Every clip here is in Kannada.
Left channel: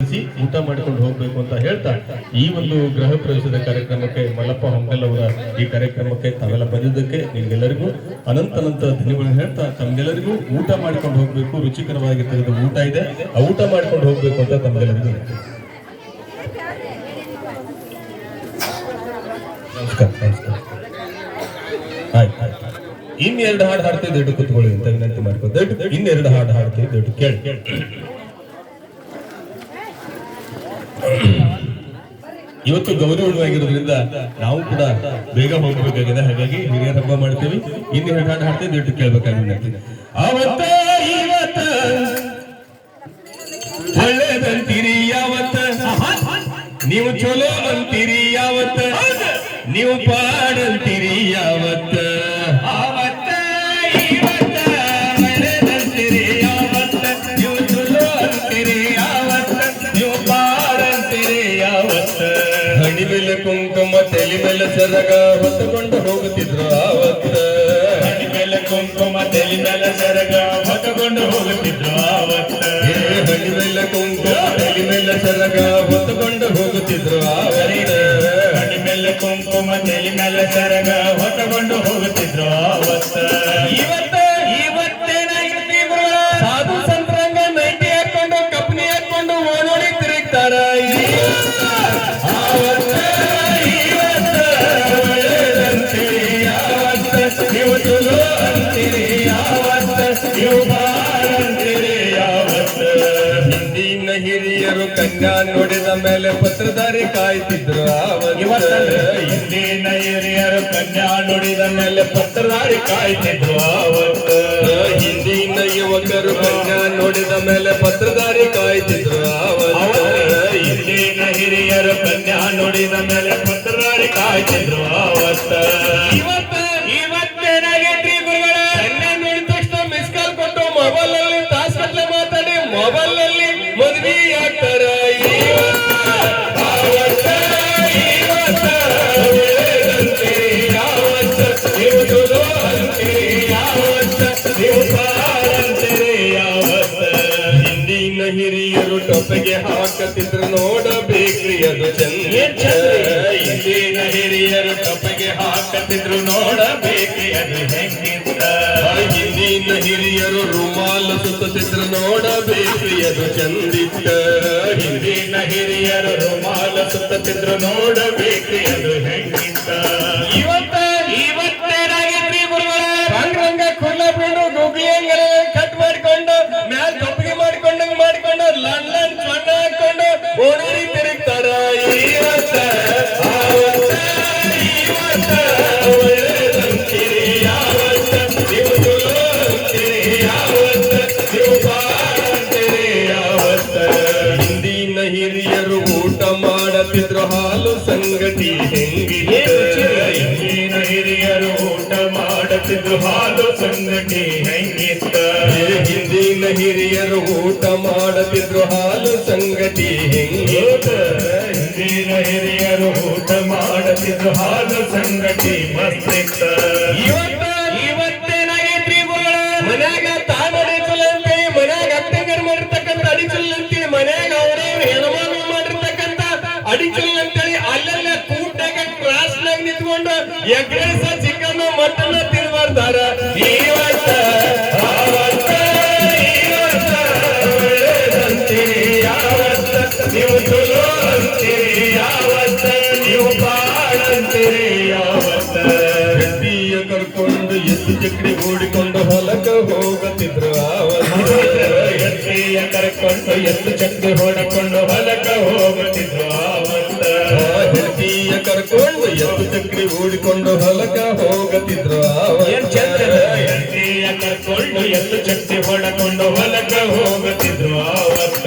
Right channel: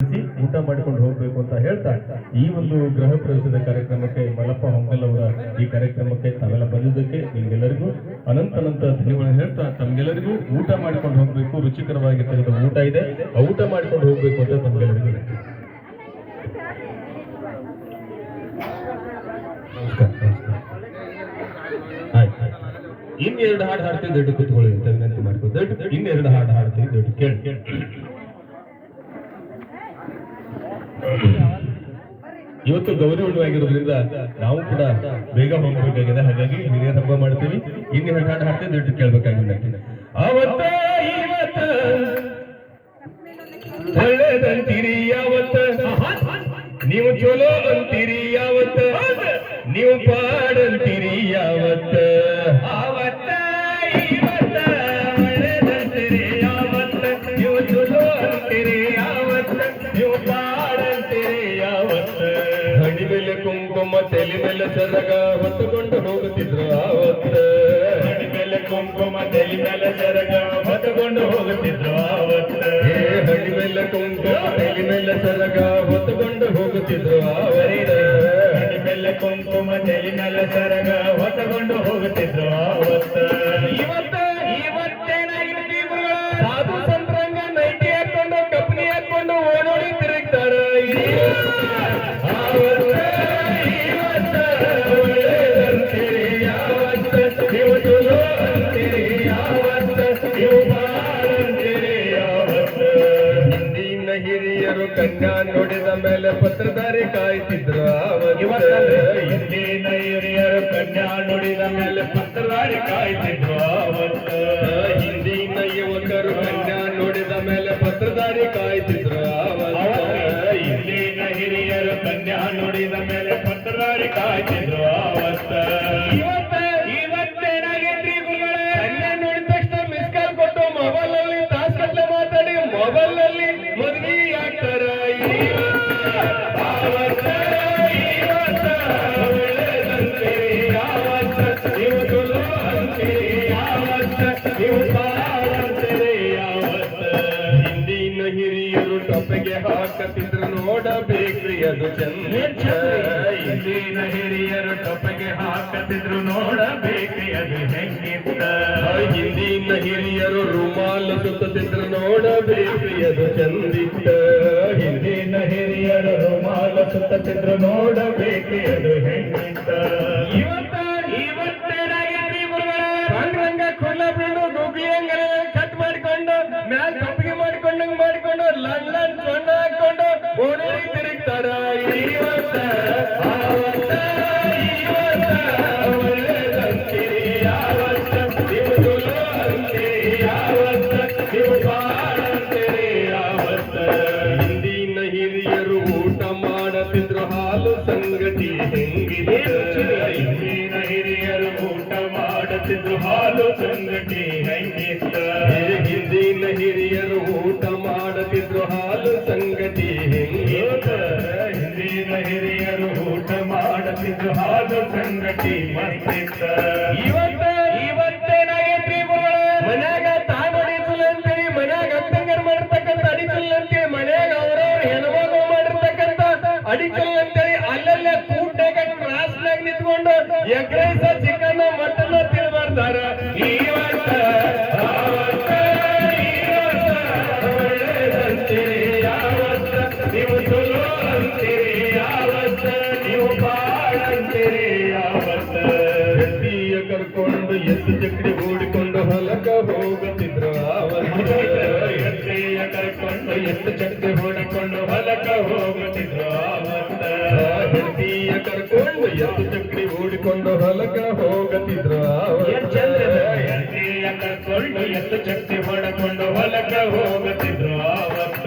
ಊಟ ಮಾಡಿಕೊಂಡು ಹೋಗ್ಬೇಕು ಅಂತ ಹೇಳ್ತಾ ಈ ಒಂದು ಗೃಹ ಪ್ರವೇಶದ ಕಾರ್ಯಕ್ರಮಕ್ಕೆ ಮಲ್ಲಪ್ಪ ಹೊಂಗಲ್ ಅವರ ಈ ಕಾರ್ಯಕ್ರಮಕ್ಕೆ ತಾವೆಲ್ಲ ಬಂದಿದ್ದಕ್ಕೆ ನಿಮ್ಗೆಲ್ಲರಿಗೂ ಅನಂತ ಧನ್ಯವಾದ ಹೇಳ್ತಾ ತಮ್ಗೆಲ್ಲರಿಗೂ ಊಟ ಮಾಡ್ಕೊಂಡು ಹೋಗ್ಬೇಕು, ರುಚಿಕರವಾಗಿರ್ತಕ್ಕಂಥ ಊಟ ಇದೆ, ಆ ಊಟ ಮಾಡ್ಕೊಂಡು ಹೋಗ್ಬೇಕು ಅಂತ ತಮ್ಗೆಲ್ಲರಿಗೂ ನಮಸ್ಕಾರ. ಆಯ್ತು ಇನ್ನೆರಡು ಹಾಡು ಹಾಡ್ತೀವಿ, ದೊಡ್ಡ ಕೂತ್ಕೊಳ್ಳಿ ಅಂತ ವಿನಂತಿ ಮಾಡ್ಕೊಂಡು ಇನ್ನೆರಡು ಹಾಡು ಹಾಡ್ತೀವಿ, ದೊಡ್ಡ ಕೇಳಿ. ಇವತ್ತು ಗೌರಿ ಹುಣ್ಣು ಆಗಿರೋದ್ರಿಂದ ನಾವು ಕೂಡ ಬೇಗ ಹೋಗಬೇಕಾಗಿದೆ, ಹಾಗಾಗಿ ಹಿರಿಯರ ಹಬ್ಬ ಮಾಡ್ತೀವಿ. ಇನ್ನೆರಡು ಹಾಡು ಹಾಡ್ತೀವಿ, ದೊಡ್ಡ ಕೇಳ್ಬೇಕಾಗಿದೆ. ಅವತ್ತ ಇವತ್ತ ಒಳ್ಳೇದಂತೀರಿ ಯಾವತ್ತ, ನೀವು ಚಲೋ ಅಂತೀರಿ ಯಾವತ್ತ, ನೀವು ಪಾಡಂತೀರಿ ಯಾವತ್ತ. ಅವತ್ತ ಇವತ್ತ ಒಳ್ಳೇದಂತೀರಿ ಯಾವತ್ತ, ನೀವು ಚಲೋ ಅಂತೀರಿ ಯಾವತ್ತ, ನೀವು ಪಾಡಂತೀರಿ ಯಾವತ್ತ. ಹಣಿ ಮೇಲೆ ಕುಂಕುಮ ತಲೆ ಮೇಲೆ ಸರಗ ಹೊತ್ತುಕೊಂಡು ಹೋಗುತ್ತಿದ್ರು ಆವತ್ತ. ಹಣಿ ಮೇಲೆ ಕುಂಕುಮ ತಲೆ ಮೇಲೆ ಸರಗ ಹೊತ್ತುಕೊಂಡು ಹೋಗುತ್ತಿದ್ರು ಆವತ್ತ. ಹಣಿ ಮೇಲೆ ಕುಂಕುಮ ತಲೆ ಮೇಲೆ ಸರಗ ಹೊತ್ತುಕೊಂಡು ಹೋಗುತ್ತಿದ್ರು ಆವತ್ತ. ಹಣಿ ಮೇಲೆ ಕುಂಕುಮ ತಲೆ ಮೇಲೆ ಸರಗ ಹೊತ್ತುಕೊಂಡು ಹೋಗುತ್ತಿದ್ರು ಆವತ್ತ. ಇವತ್ತೇನಾಗಿರ್ತಿ ಸಾಧು ಸಂತರಂಗ ನೈಟಿ ಹಾಕೊಂಡು ಕಪ್ಪನಿ ಹಾಕೊಂಡು ಓಡೋಡಿ ತಿರುಗ್ತಾರ. ನೀವು ಚಲೋ ಅಂತೀರಿ ಯಾವತ್ತ, ನೀವು ಬಾಳಂತೀರಿ ಯಾವತ್ತ. ಹಿಂದಿನ ಹಿರಿಯರು ಕನ್ಯಾ ನೋಡಿದ ಮೇಲೆ ಪತ್ರಧಾರಿ ಕಾಯ್ತಿದ್ರು ಆವತ್ತ. ಹಿಂದಿನ ಹಿರಿಯರು ಕನ್ಯಾ ನೋಡಿದ ಮೇಲೆ ಪತ್ರಧಾರಿ ಕಾಯ್ತಿದ್ರು ಆವತ್ತ. ಹಿಂದಿನ ಯುವಕರು ಕನ್ಯಾ ನೋಡಿದ ಮೇಲೆ ಪತ್ರಧಾರಿ ಕಾಯ್ತಿದ್ರು ಆವತ್ತ. ಹಿಂದಿನ ಹಿರಿಯರು ಕನ್ಯಾ ನೋಡಿದ ಮೇಲೆ ಪತ್ರಧಾರಿ ಕಾಯ್ತಿದ್ರು ಆವತ್ತ. ಇವತ್ತೇನಾಗೈತ್ರಿ ಗುರುಗಳ, ಕನ್ಯಾ ನೋಡಿದ ತಕ್ಷಣ ಮಿಸ್ ಕಾಲ್ ಕೊಟ್ಟು ಮೊಬೈಲ್ ಅಲ್ಲಿ ತಾಸ್ಗಟ್ಲೆ ಮಾತಾಡಿ ಮೊಬೈಲ್ ನಲ್ಲಿ ಮದ್ವಿ ಆಗ್ತಾರ. ನೀವು ಚಲೋ ಅಂತೀರಿ ಯಾವತ್ತ, ನೀವು ಪಾಡಂತೀರಿ ಯಾವತ್ತ. ಹಿಂದಿನ ಹಿರಿಯರು ಟೊಪ್ಪೆಗೆ ಹಾಕತಿದ್ರು ನೋಡಬೇಕ್ರಿ ಅದು ಚಂದ. ಹಿಂದಿನ ಹಿರಿಯರು ಟೊಪ್ಪೆಗೆ ಹಾಕತಿದ್ರು ನೋಡಬೇಕ್ರಿ ಅದು ಹೆಂಗಿತ್ತ. ಹಿಂದಿನ ಹಿರಿಯರು ರುಮಾಲು ಸುತ್ತಿದ್ರು ನೋಡಬೇಕ್ರಿ ಅದು ಚಂದಿತ್ತ. ಹಿಂದಿನ ಹಿರಿಯರು ರುಮಾಲು ಸುತ್ತಿದ್ರು ನೋಡಬೇಕ್ರಿ ಅದು ಹೆಂಗಿತ್ತ. ಇವತ್ತೇನಾಗಿದ್ರಿ ರಂಗ ಕುಳ್ಳ ಬಿಡು ಗುಗ್ಲಿಯಂಗಲ ಕಟ್ ಮಾಡಿಕೊಂಡು ಮ್ಯಾಲ ಕಪ್ಪಿಗೆ ಮಾಡಿಕೊಂಡು ಲಂಡ್ ಮಣ್ಣ ಹಾಕೊಂಡು ಓಡಿ ತಿರುಗ್ತಾರ. ಒಳ್ಳೆದಂತೀರಿ ಯಾವತ್ತ, ನೀವು ಚಲೋ ಅಂತೀರಿ ಯಾವತ್ತ, ನೀವು ಬಾಳಂತೀರಿ ಯಾವತ್ತ. ಹಿಂದಿನ ಹಿರಿಯರು ಊಟ ಮಾಡತಿದ್ರು ಹಾಲು ಸಂಗತಿ ಹೆಂಗಿದೆ. ಹಿಂದಿನ ಹಿರಿಯರು ಊಟ ಮಾಡತಿದ್ರು ಹಾಲು ಸಂಗತಿ ಹೆಂಗಿತ್ತ. ಹಿಂದಿನ ಹಿರಿಯರು ಊಟ ಮಾಡತಿದ್ರು ಹಾಲು ಸಂಗತಿ ಹೆಂಗಿತ್ತ. ಹಿಂದಿನ ಹಿರಿಯರು ಊಟ ಮಾಡತಿದ್ರು ಹಾಲು ಸಂಗತಿ ಮಸ್ತಿತ್ತ. ಇವತ್ತೇನಾಗೈತ್ರಿ ಮನ್ಯಾಗ ತಾನೋಡಿ ಚಲ ಅಂತೇಳಿ ಮನ್ಯಾಗ ಅಪ್ಪಂಗರ್ ಮಾಡಿರ್ತಕ್ಕಂಥ ಅಡಿಚಲ್ ಅಂತೇಳಿ ಮನ್ಯಾಗ ಅವ್ರವ್ರು ಹೆಣ್ಮಗಳು ಮಾಡಿರ್ತಕ್ಕಂಥ ಅಡಿಚಲ್ ಅಂತೇಳಿ ಅಲ್ಲೆಲ್ಲ ಕೂಟಾಗ ಕ್ಲಾಸ್ನಾಗ ನಿಂತ್ಕೊಂಡು ಎಗ್ರೈಸ ಚಿಕನ್ ಮಟನ್ ತಿನ್ಬಾರ್ದಾರ. ಇವತ್ತ ಒಳ್ಳೆದಂತೀರಿ ಯಾವತ್ತ, ನೀವು ಚಲೋ ಅಂತೀರಿ ಯಾವತ್ತ, ನೀವು ಬಾಳಂತೀರಿ ಯಾವತ್ತ. ಹೆಂಡಿಯ ಕರ್ಕೊಂಡು ಎತ್ತು ಚಕ್ರಿ ಓಡಿಕೊಂಡು ಹೊಲಕ ಹೋಗುತ್ತಿದ್ರು ಆವತ್ತ. ಹೆಂಡಿಯ ಕರ್ಕೊಂಡು ಎತ್ತು ಚಕ್ರಿ ಓಡಿಕೊಂಡು ಹೊಲಕ ಹೋಗುತ್ತಿದ್ರು ಆವತ್ತ. ಹೆಂಡಿಯ ಕರ್ಕೊಂಡು ಎತ್ತು ಚಕ್ರಿ ಓಡಿಕೊಂಡು ಹೊಲಕ ಹೋಗುತ್ತಿದ್ರು ಆವತ್ತ. ಹೆಂಡಿಯ ಕರ್ಕೊಂಡು ಎತ್ತು ಚಕ್ರಿ ಓಡಿಕೊಂಡು ಹೊಲಕ ಹೋಗುತ್ತಿದ್ರು ಆವತ್ತ.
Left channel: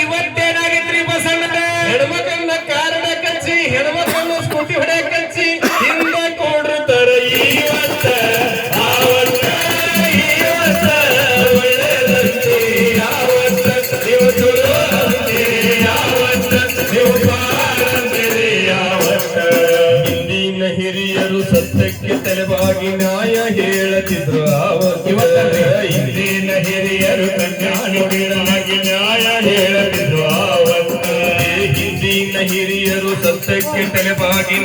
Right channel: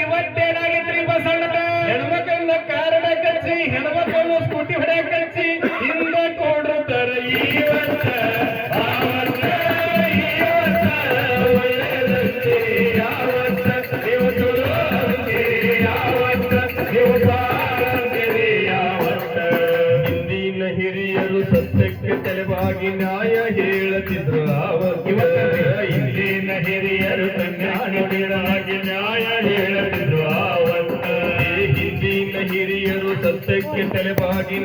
ಇವತ್ತೇನಾಗಿದ್ರಿ ಬಸಣ್ಣ, ಹೆಣ್ಮಕ್ಳನ್ನ ಕಾರಣ ಕಚ್ಚಿ ಹೆಣ್ಮಕ್ಳನ್ನು ಸ್ಕೂಟಿ ಹೊಡೆಯಕ್ ಕಚ್ಚಿ ಹಿಂದೆ ಕೊಂಡಿರ್ತಾರ. ಇವತ್ತ ಒಳ್ಳೆದಂತೀರಿ ಯಾವತ್ತ, ನೀವು ಚಲೋ ಅಂತೀರಿ ಯಾವತ್ತ, ನೀವು ಬಾಳಂತೀರಿ ಯಾವತ್ತ. ಹಿಂದಿನ ಹಿರಿಯರು ಸತ್ಯಕ್ಕೆ ತಲೆಬಾಗಿ ನ್ಯಾಯ ಹೇಳತಿದ್ರು ಆವತ್ತ. ಹಿಂದಿನ ಹಿರಿಯರು ಕನ್ಯಾ ನುಡಿದಾಗಿ ನ್ಯಾಯ ಹೇಳತಿದ್ರು ಹಿರಿಯರು ಸತ್ಯಕ್ಕೆ ತಲೆಬಾಗಿ